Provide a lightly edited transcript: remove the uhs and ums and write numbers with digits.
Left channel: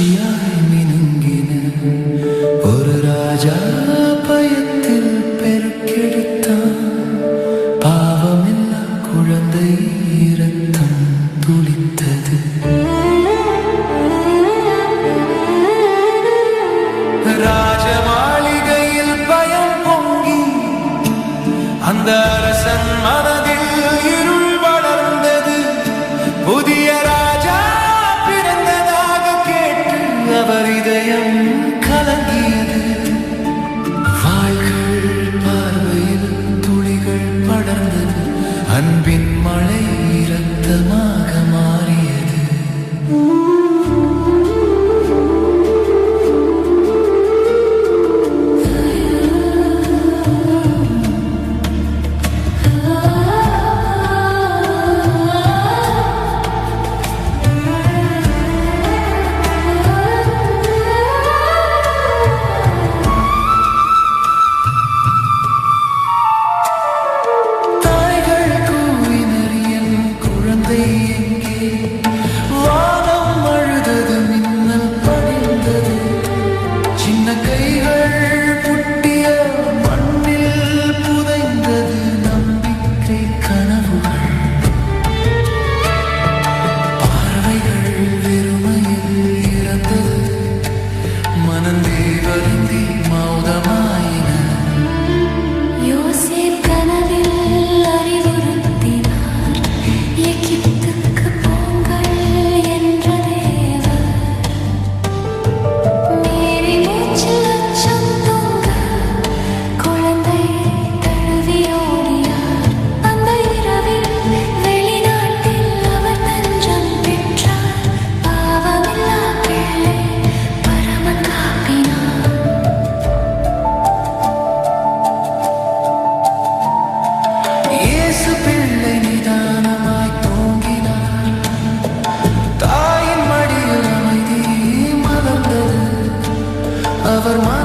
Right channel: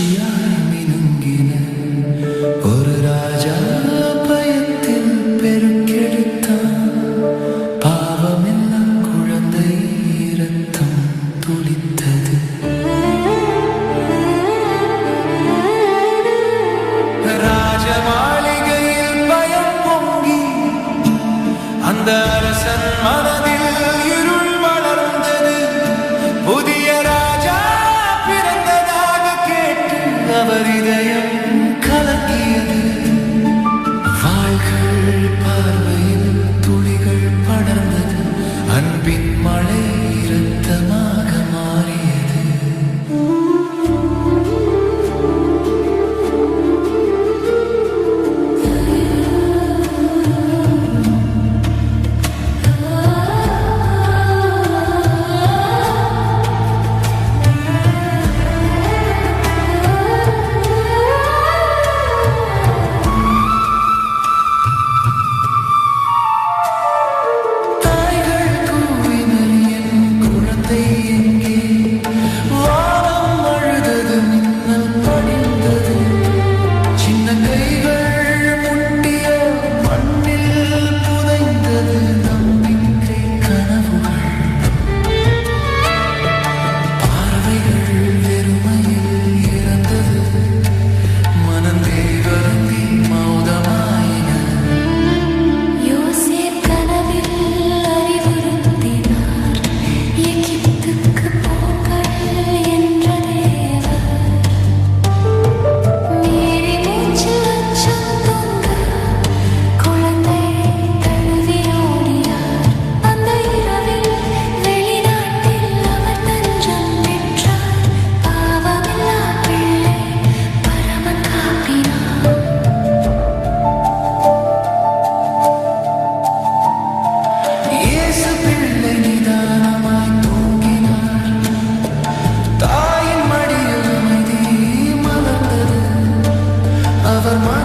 சாட்சியாய் மினுங்கின ஒரு ராஜா பயத்தில் பெருக்கெடுத்தான். பாவமில்லா குழந்தை இரத்தம் துளித்தது. ராஜ மாளிகையில் பயம் பொங்கி அந்த அரசன் மனதில் இருள் வளர்ந்தது. புதிய ராஜா பிறந்ததாக கேட்டு அவர் இதயம் கலங்கியது. வாள்கள் பார்வையில் துளிகள் படர்ந்தது. அன்பின் மழை இரத்தமாக மாறியது. Over my